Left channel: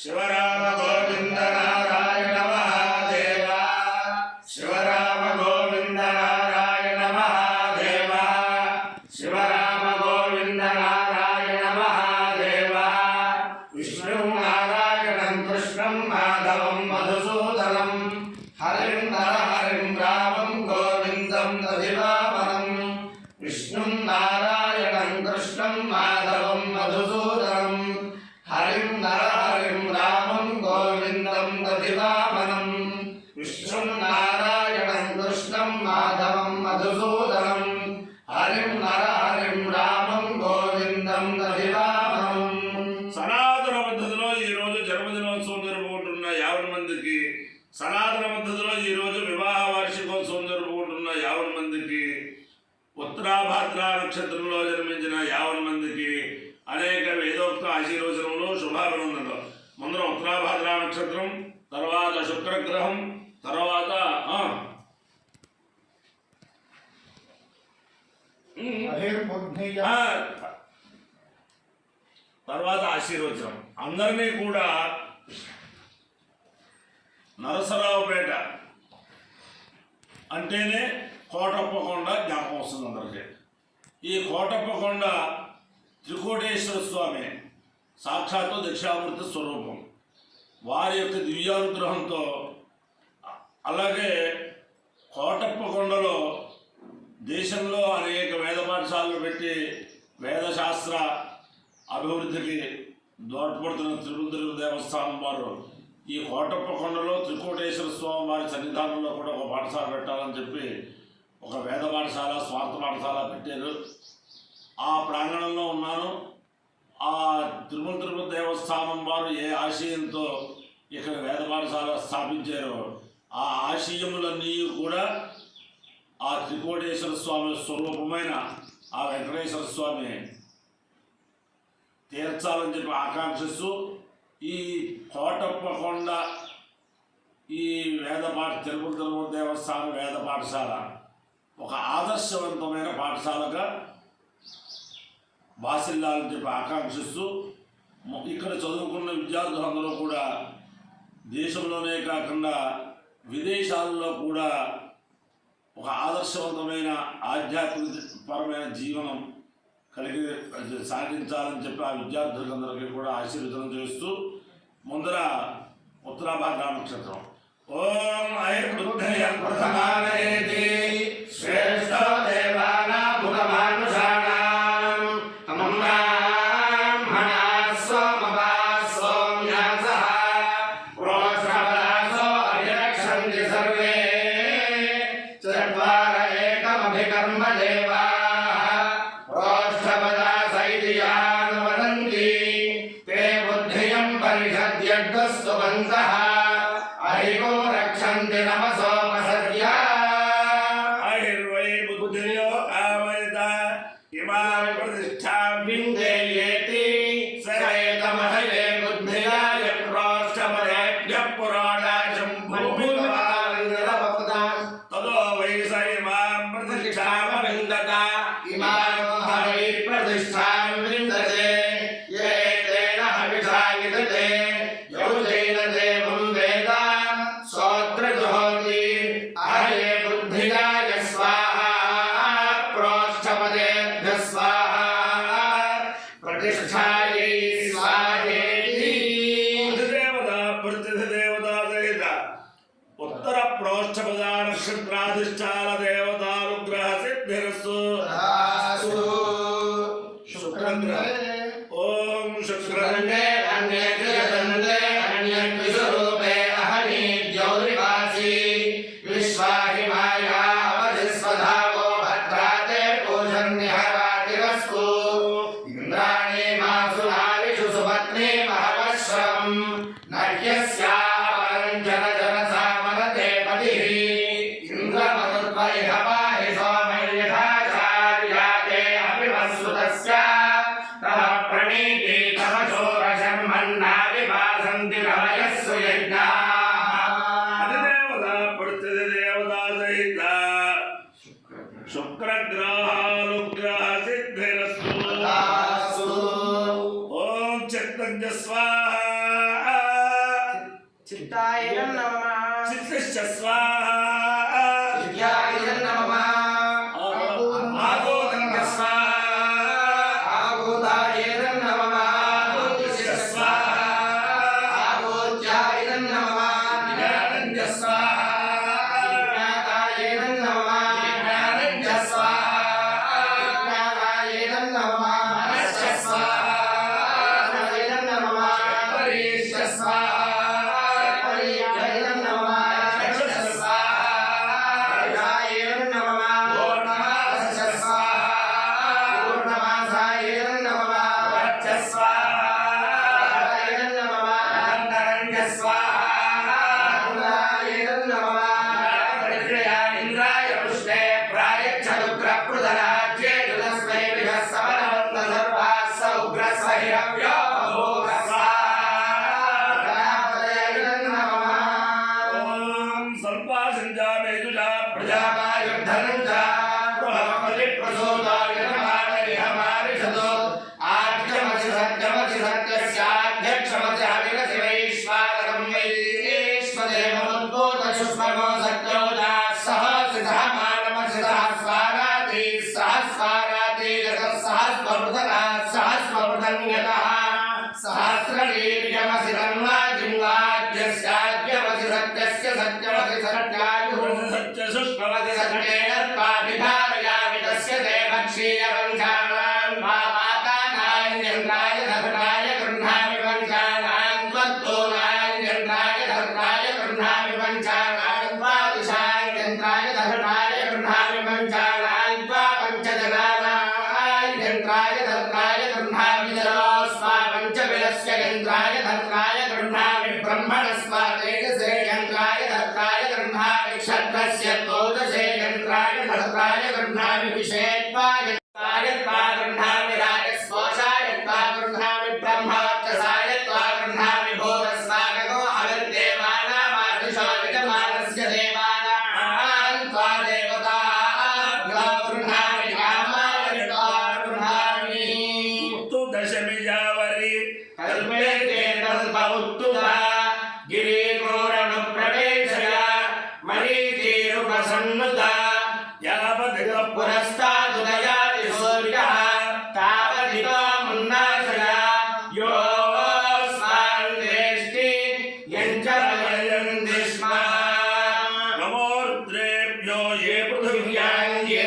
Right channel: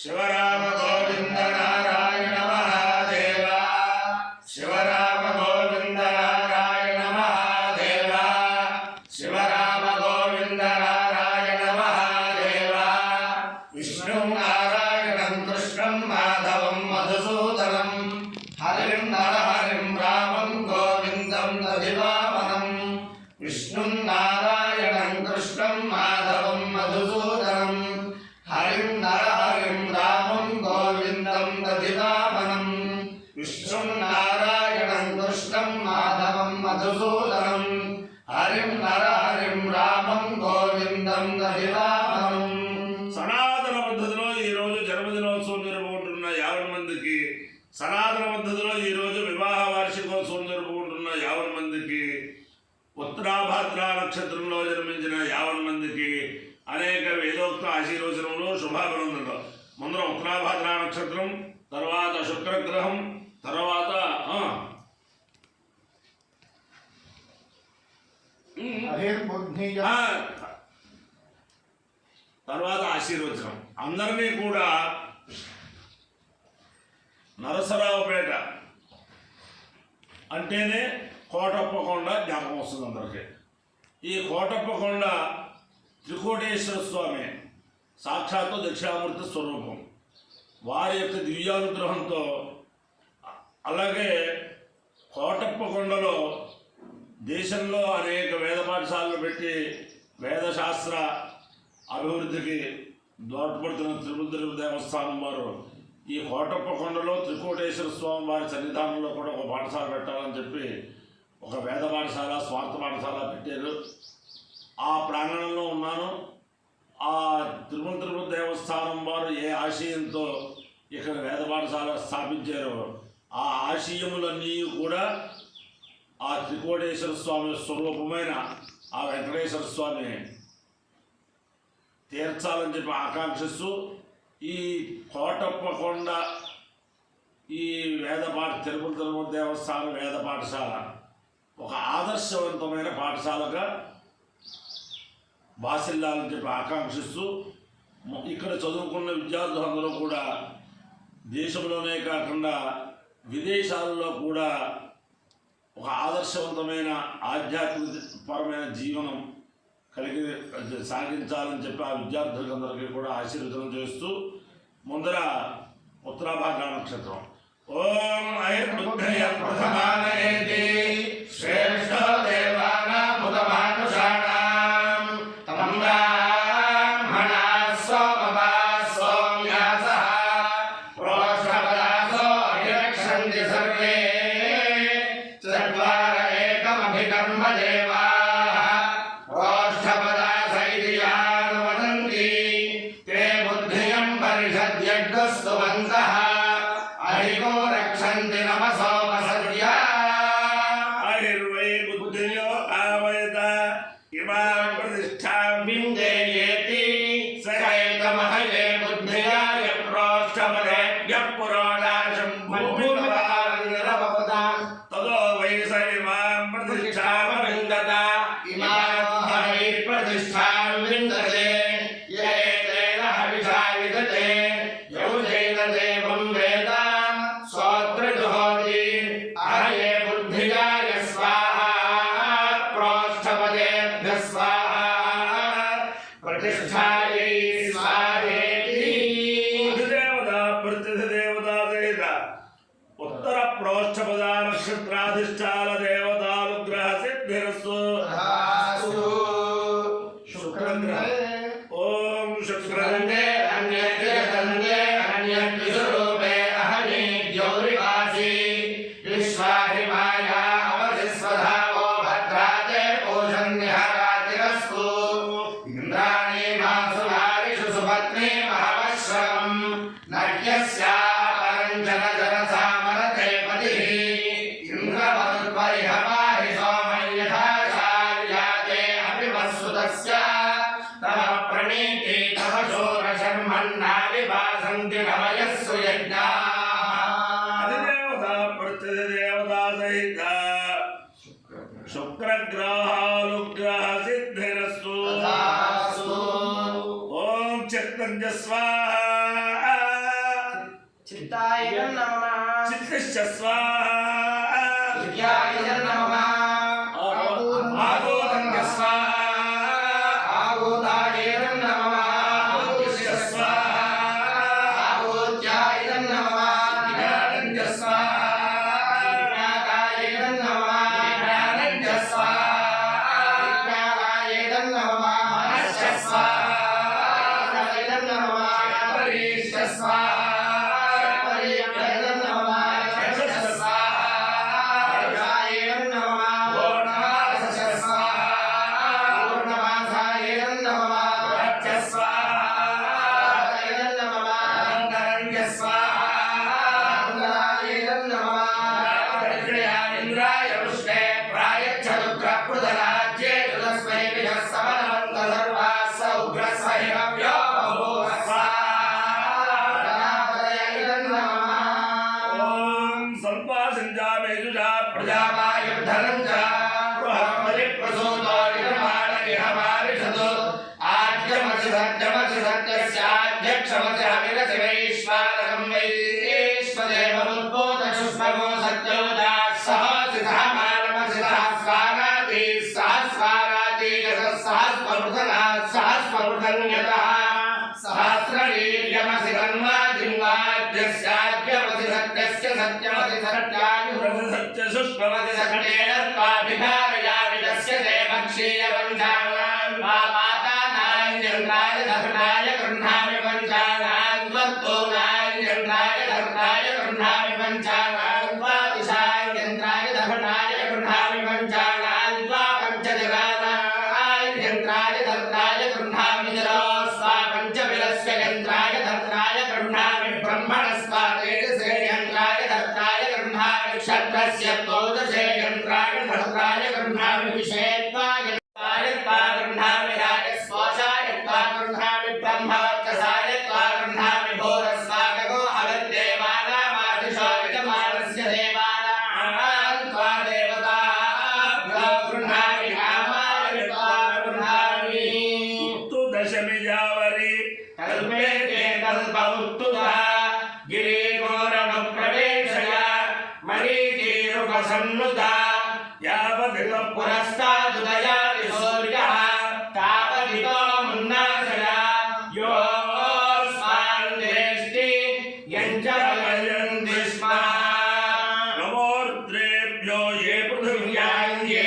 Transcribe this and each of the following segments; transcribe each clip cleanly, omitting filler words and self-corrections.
शिवराम गोविंद नारायण महादेव शिवराम गोविंद नारायण महादेव शिवराम गोविंद नारायण महादेव विष्णु नारायणं कृष्णं माधवं मधुसूदनं हरिं नरहरिं रामं गोविंदं दधिवामनं विष्णु नारायणं कृष्णं माधवं मधुसूदनं हरिं नरहरिं रामं गोविंदं दधिवामनं विष्णु नारायणं कृष्णं माधवं मधुसूदनं हरिं नरहरिं रामं गोविंदं दधिवामनं సనాతన పద్ధతిలో ఈ రోజు జన్మదినోత్సవం జరుపుకుంటున్న 50 మందికి సనాతన పద్ధతిలో ఈ రోజు వివాహ వార్షికోత్సవం జరుపుకుంటున్న 50 మందికి ఉత్తరాభాద్ర నక్షత్రంలో జన్మించిన 50 మందికి అనేక వేదోక్త ఆశీర్వచనములు శుభాభినందనలు. ముందర ఉత్తరాభాద్ర నక్షత్రం, తర్వాత శుక్రగ్రహం, తర్వాత తర్వాత ఆశీర్వచనం. అందరినీ కూడా నరసరావుపేట అంటేనే కోటప్పకొండ జ్ఞాపకం వస్తుంది అందరికీ. ఈ కోటప్పకొండ త్రికోటేశ్వర స్వామి సాక్షాత్తు దక్షిణామూర్తి స్వరూపం. వారి యొక్క దివ్యానుగ్రహంతో, అలాగే కోటప్పకొండలో దేశంలో అనేక వేద పాఠశాలలు పెట్టి వేదశాస్త్ర అభివృద్ధికి దోడ్పడుతున్న తిరుపతి దేవస్థానం వారు ఈ కోటప్పకొండలో త్రికోటేశ్వర స్వామి వారి సన్నిధానంలో కూడా ఒక పాఠశాల పెట్టాలని చెప్పి ఒక వేద పాఠశాల, స్వార్థ పాఠశాల పెట్టారు. ఆ ప్రాంగణంలో ఉన్నాను. ఆ తిరుపతి దేవస్థానం వారు ఏ ఆశయంతో ఇక్కడ వేద పాఠశాల స్థాపించారో ఆ ఆశయములన్నీ కూడా ఆ త్రికోటేశ్వర స్వామి స్వరూపమైన ఆ వెంకటేశ్వర స్వామి తీర్చాలని చెప్పి ఆకాంక్షిస్తూ ఈ కోటప్పకొండ ఈ తిరుపతి దేవస్థాన వేద పాఠశాల ఒక ఆదర్శవంతమైన పాఠశాలగా బాసిల్లాలని చెప్పి ఆకాంక్షిస్తూ ఇక్కడ చదువుకున్న విద్యార్థులందరూ కూడా దేశంలోనే కాకుండా విదేశాల్లో కూడా ఒక ఆదర్శవంతమైన ఆధ్యాత్మికపరమైన జీవనం కలిగి సాగించాలని చెప్పి ఆ విద్యార్థులందరికీ కూడా ఆశీర్వచనం చేస్తూ ముందర ఉత్తరాభాద్ర నక్షత్రం ఓం ఐర్బుద్ధయ ప్రథమానయేతి శ్రేష్ఠ దేవానాం ముఖమానుషాణాం తమం బ్రాహ్మణా సోమవా సౌమ్యాసః ప్రోష్ఠపదాసో అభిరక్షంతి సర్వే చత్వార ఏకమభికర్మ దేవా अहिगो रक्षन्ति नमसोपसद्या अहिर्वै बुद्धियो आवयत इमां प्रतिष्ठां विन्देयेति स एतमहये बुद्धिया यप्रोष्ठपदेभ्यः पुराणाशं भूमिर्वाविरभवता ततो वै स इमां प्रतिष्ठामविन्दत इमां हवै प्रतिष्ठां विन्दते य एतेन हविषा विदते यौजेन देवं वेद सोत्रजुहोति अहये बुद्धियाय स्वाहा प्रोष्ठपदेभ्यः स्वाहा प्रतिष्ठायै स्वाहेति देवता प्रतिदेवता सहित उत्तर प्रोष्ठपद नक्षत्राधिष्ठान देवतानुग्रह सिद्धिरस्तु शुक्रग्रह ओम शुक्रग्रहे अन्येभ्यः अहनि द्यौरिवासी विश्वाहिमाया अवधिस्वधावो भद्राते पूषन्यहरातिरस्तु इन्द्राणि मासुरारिषु सुपत्नी महवश्रवम् नर्यस्यापरञ्जनजनसामरते पतिः इन्द्रमरुद्वरिह पाहि सोमयथाचार्याते अभिमत्सुतस्य तव प्रणीति तव शोरशर्मन्ना विभासन्ति रमयस्सु यज्ञाः अधिदेवता प्रतिदेवता सहित शुक्रग्रहानुग्रह सिद्धिरस्तु ओम चक्तञ्च स्वाहा चित्ताय नमः चित्तश्च स्वाहा चित्ताय नमः आगोदं स्वाहा आगोदाय नमः आगोदश्च स्वाहा आगोत्याय नमः ज्ञानं च स्वाहा ज्ञाताय नमः ज्ञानं च स्वाहा ज्ञाताय नमः मनश्च स्वाहा मनश्च नमः परेश्च स्वाहा परेयाय नमः यशश्च स्वाहा यशाय नमः पूर्णमासश्च स्वाहा पूर्णमासाय नमः वाच्च स्वाहा नमः अनन्तरं च स्वाहा आनन्दाय नमः परिक्रियामिन्द्राय पुष्टे प्रायच्छदुग्रप्रदराज्ये तस्मै विधः समनवन्त सर्वाः स उग्रः हिरव्यो बभूव स्वाहा ॐ स्वल्पासञ्जामेजुषा प्रजामायुद्धनं च बृहस्पतिप्रसूतो यजमानरिहमारिषतो आद्यमसि सत्यस्याध्यक्षमसाविरसि वैश्वानरं वैश्वदेवमुद्भूतसुष्मगो सत्योदाः सहसितः मानमसितः स्वाराति सहस्राराति यतः सहस्रवृतनः सहस्रवृतन्यतः सहस्रवीर्यमसि तन्वा जिह्वाद्यस्याद्यमसि सत्यस्य सत्यमसि सत्यायुः सत्यसुष्ममसि सकटेनर्काभिधारयामि तस्य ते भक्षीयपञ्चानां पापातानां यन्त्राय गृह्णामि पञ्चानां त्वत्तोनां यन्त्राय धर्ताय गृह्णामि पञ्चानां द्वादशां यन्त्राय धर्ताय गृह्णामि पञ्चानां द्वापञ्चजनानां यन्त्राय धर्ताय गृह्णामि जलोस्वा पञ्चबिलस्य यन्त्राय धर्ताय गृह्णामि ब्रह्मणस्वा तेजसे यन्त्राय धर्ताय गृह्णामि क्षत्रस्य द्वादशे यन्त्राय धर्ताय गृह्णामि विषेत्वा यन्त्राय गृह्णामि राजस्पोषाय गृह्णामि ब्रह्मवर्चसाय गृह्णामि भूरस्वागो हविर्देवानामादिशो यजमानस्य देवानां त्वा देवताभ्यो गृह्णामि कामाय गृह्णामि उत्तु दशमी जावरि कल्पे केतल्पउत्तुता गिरिघोरनुप्रवेशय मरीचिरुपसन्नुता यावदितः पुरस्तादुदयाति सूर्यः तावदितो मुन्नासय योऽस्मान् वेष्टि यञ्चलयन्ति स्म नमोर्द्रेभ्यो ये पृथिव्यां ये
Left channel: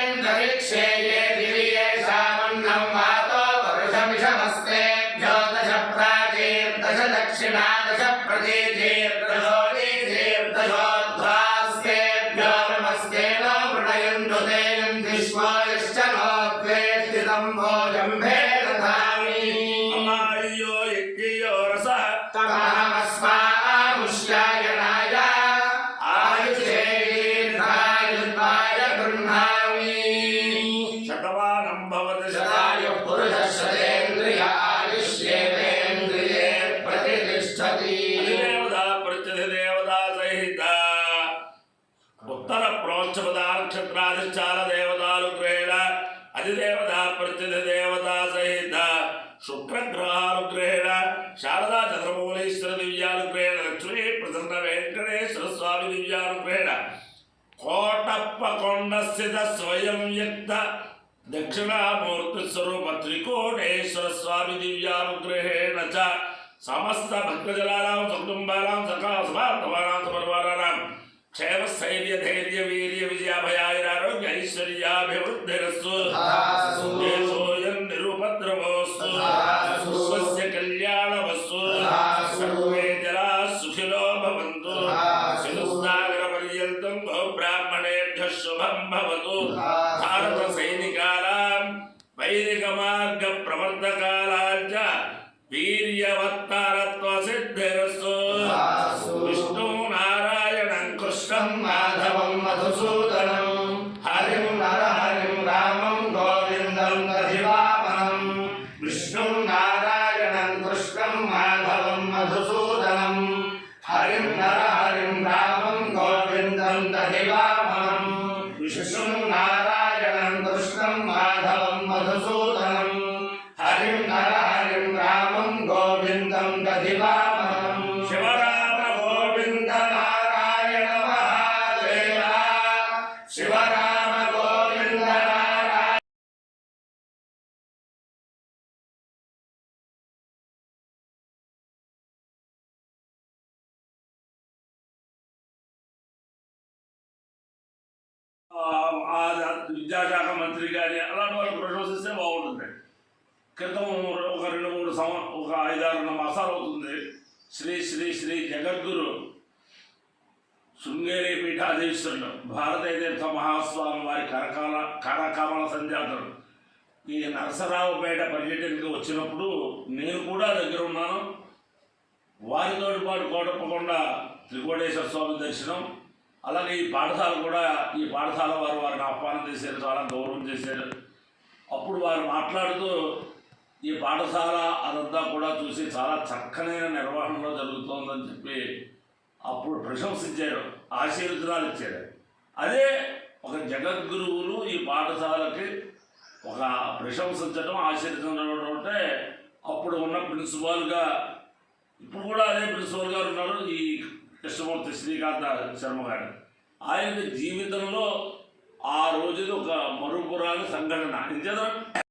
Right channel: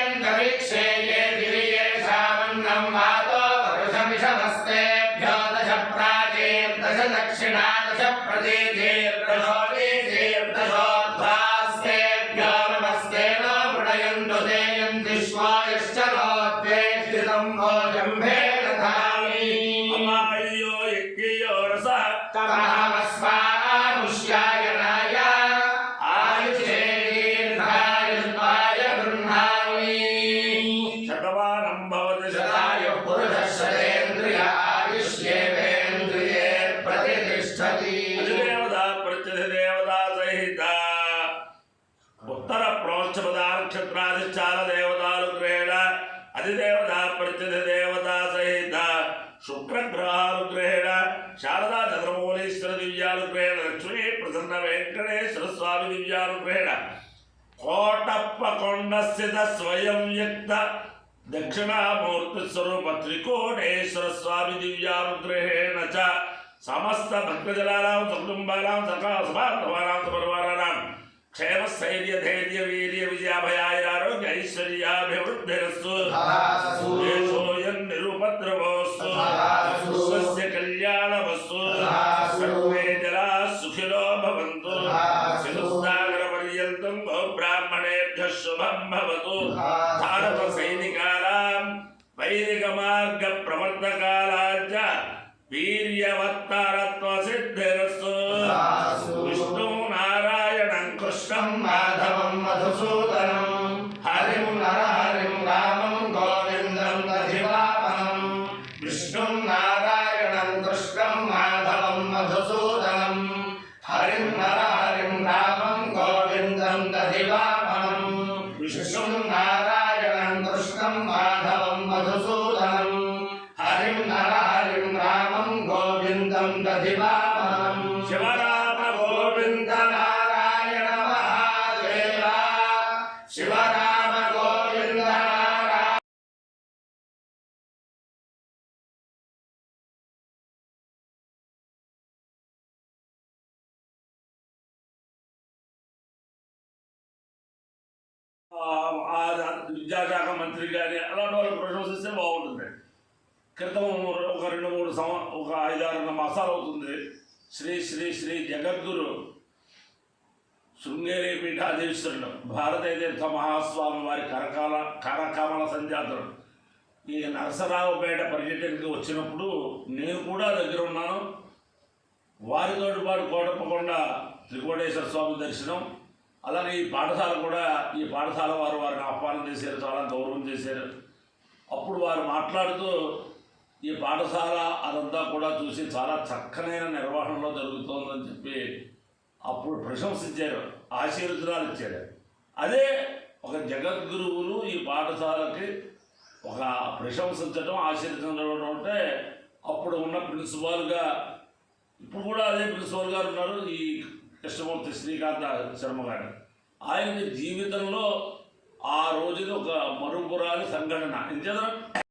अन्तरिक्षे ये गिरिये सावन्नं वातो वरुषमिषमस्तेभ्यो दश प्राचीर्दश दक्षिणा दश प्रतीचीर्दशोदीचीर्दशोद्धास्तेभ्यो नमस्ते न मृडयन्तु ते यन्ति श्वायश्च नोद्वेष्टितं भोजम्भे दधामि अमायो यज्ञयो रसः तमहमस्वामुष्यायनाय आयुषे दीर्घायुत्वाय गृह्णामि शतवानं भवति शतायुः पुरुषः शतेन्द्रिय आयुष्येवेन्द्रिये प्रतिष्ठति अधिदेवता प्रत्यधिदेवता सहिता उत्तर प्रोच्चपदा नक्षत्राधिष्ठान देवतानुग्रहेण अधिदेवता प्रत्यधिदेवता सहित शुक्रग्रहानुग्रहेण शारदा चंद्रमौलीश्वर दिव्यानुग्रहेण लक्ष्मी प्रसन्न वेंकटेश्वर स्वामी दिव्यानुग्रहेण कोटप्पकोण्डस्थित स्वयं युक्त दक्षिणामूर्ति स्वरूप त्रिकोणेश्वर स्वामी दिव्यानुग्रहेण च समस्त भक्तजनानां सकुटुम्बानां सखा समान्तमानां परिवाराणां क्षेम स्थैर्य धैर्य वीर्य विजयाभयारोग्य ऐश्वर्याभिवृद्धिरस्तु देशोऽयं निरुपद्रवोऽस्तु स्वस्य कल्याणमस्तु सर्वे जनाः सुखिनो भवन्तु सिंहसागरपर्यन्तं ब्राह्मणेभ्यः शुभं भवतु भारतसैनिकानां वैदिकमार्गप्रवर्तकानां च वीर्यवत्तारत्वसिद्धिरस्तु विष्णु नारायणं कृष्णं माधवं मधुसूदनं हरिं नरहरिं रामं गोविन्दं दधिवामनं विष्णुं नारायणं कृष्णं माधवं मधुसूदनं हरिं नरहरिं रामं गोविन्दं दधिवामनं विष्णुं नारायणं कृष्णं माधवं मधुसूदनं हरिं नरहरिं रामं गोविन्दं दधिवामनं शिवराम విద్యాశాఖ మంత్రి కానీ అలాంటి వాళ్ళు ప్రశంసిస్తే బాగుంటుంది. క్రితం ఒక 2-3 ఒక 5-6 మాసాలు అవుతుంది శ్రీ శ్రీ శ్రీ జగద్గురు శృంగేరి పీఠాధీశ్వరులు భారతీయ తీర్థ మహాస్వామి వారి కరకమల సంజాతులు ఈ నరసరావుపేట పర్యటనకి వచ్చినప్పుడు నేను కూడా దగ్గర ఉన్నాను. వారితో పాటు కోటప్పకొండ త్రికోటేశ్వర స్వామి దర్శనం, అలాగే ఈ పాఠశాల కూడా ఈ పాఠశాల వారిని ఆహ్వానం చేశారు, చాలా గౌరవం చేశారు. అప్పుడు వారు మాట్లాడుతూ ఈ పాఠశాల అదంతా కూడా చూసి చాలా చక్కనైన నిర్వహణలో జరుగుతోందని చెప్పి అప్పుడు ప్రశంసించారు, ఆశీర్వచనాలు ఇచ్చారు. అదే ఒక జగద్గురువులు ఈ పాఠశాలకి ఒక ప్రశంసించడం ఆశీర్వదించడం అంటే అప్పుడు ఉన్న ప్రిన్సిపాల్గా ఇప్పుడు కూడా అదే ప్రిన్సిపల్ గారు ఉన్నారు, ఈ కృష్ణమూర్తి శ్రీకాంత శర్మ గారు. ఆయన జీవితంలో ఆ రోజుది ఒక మరుపురాని సంఘటన. ఎందుకంటే